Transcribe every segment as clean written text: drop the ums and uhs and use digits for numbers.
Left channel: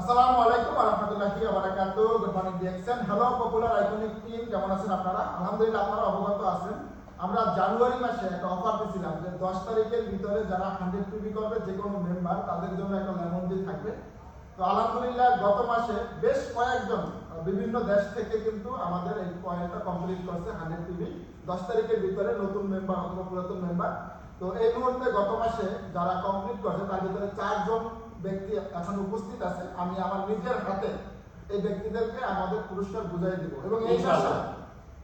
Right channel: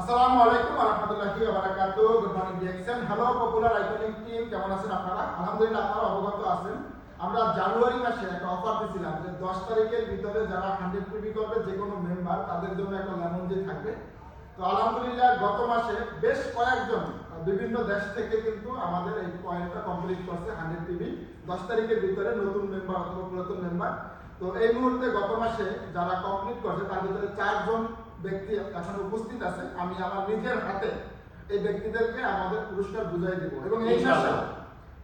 আসসালামু আলাইকুম ওয়া রাহমাতুল্লাহি ওয়া বারাকাতুহু। Good morning DXN. Hello popular iconic team, কেমন আছেন আপনারা? আলহামদুলিল্লাহ আপনারা অবগত আছেন। আমরা জানুয়ারি মাসে একটা অফার দিয়েছিলাম যে 10 তারিখের ভিতরে যারা 100 পিবি করবে যে কোনো মেম্বার তাদের জন্য একটা লেমন ডে থাকবে। তো আলহামদুলিল্লাহ গত মাসে বেশ কয়েকজন বিভিন্ন দেশ থেকে কিন্তু আমাদের এই পয়েন্টটা কমপ্লিট করছে 100 পিবি 10 তারিখের ভিতরে, নতুন মেম্বার অথবা পুরাতন মেম্বার। তো এই মুহূর্তে গত মাসে যারা কমপ্লিট করছে তার ভিতরে 4 জন ব্যক্তি এখন উপস্থিত আছে। আমি আমার নিজের হাতে এই ব্যক্তিদেরকে আমাদের পুরস্কার বুঝাই দেব এবং এই মাসে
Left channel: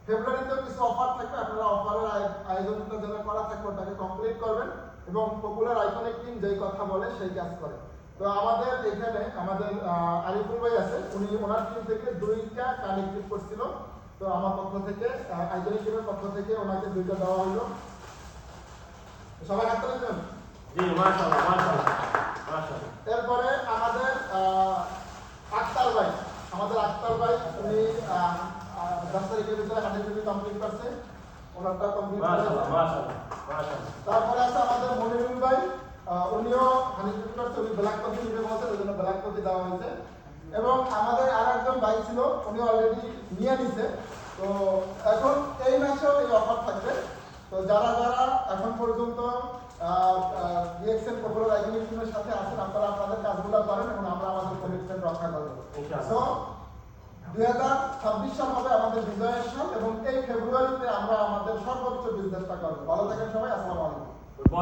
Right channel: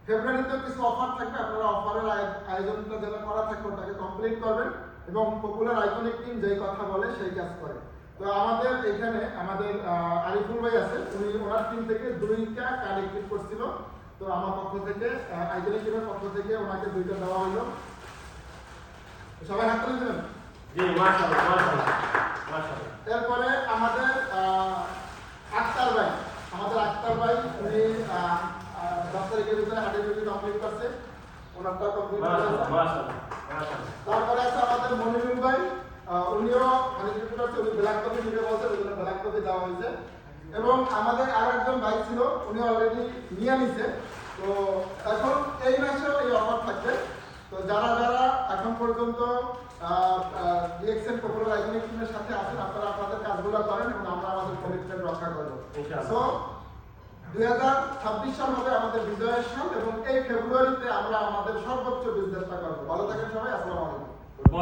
ফেব্রুয়ারিতে কিছু অফার থাকবে, আপনারা অফারের আয়োজনটা যেন করা থাকবে ওটাকে কমপ্লিট করবেন এবং পপুলার আইকনিক টিম যেই কথা বলে সেই কাজ করে। তো আমাদের এখানে আমাদের আরিফুল ভাই আছে, উনি ওনার টিম থেকে 2টা কানেক্টেড করছিল। তো আমার পক্ষ থেকে আইকনিক টিমের পক্ষ থেকে ওনাকে 2টা দেওয়া হলো। সবাই হাত তুলে দেবেন। জি মাশাআল্লাহ মাশাআল্লাহ মাশাআল্লাহ। এরপরে আমাদের আক্তার ভাই উনি 10 তারিখের ভিতরে 100 পিবি কমপ্লিট করছে, ওনারটা কমপ্লিট করছে মাশাআল্লাহ মাশাআল্লাহ। তারপরে আছে আমাদের মনিরুল ভাই, উনিও 100 পিবি করছে, উনি ব্ল্যাক কপি দিতে বলছে, ওই জন্য ব্ল্যাক কপি দেওয়া হয়েছে। এবং আমাদের আরেকজন ভাই ছিল, উনি অলরেডি নিয়ে নিছে। তো এখন এই মাসেও এই অফার থাকবে। তো যারা যারা এখন পর্যন্ত ডিএক্সএন পপুলার আইকনিক টিমের সাথে আছেন, আপনারা আপনাদের কাজগুলো করেন এবং আমরা আমাদের কমিটমেন্ট রক্ষা করব। সো 2026 সাল হবে আমাদের বিজয়ের সাল এবং এই ফেব্রুয়ারিতে আমরা আমাদের সর্বোচ্চ বিজনেসটা করবো। ভালো থাকেন সবাই, আসসালামু আলাইকুম।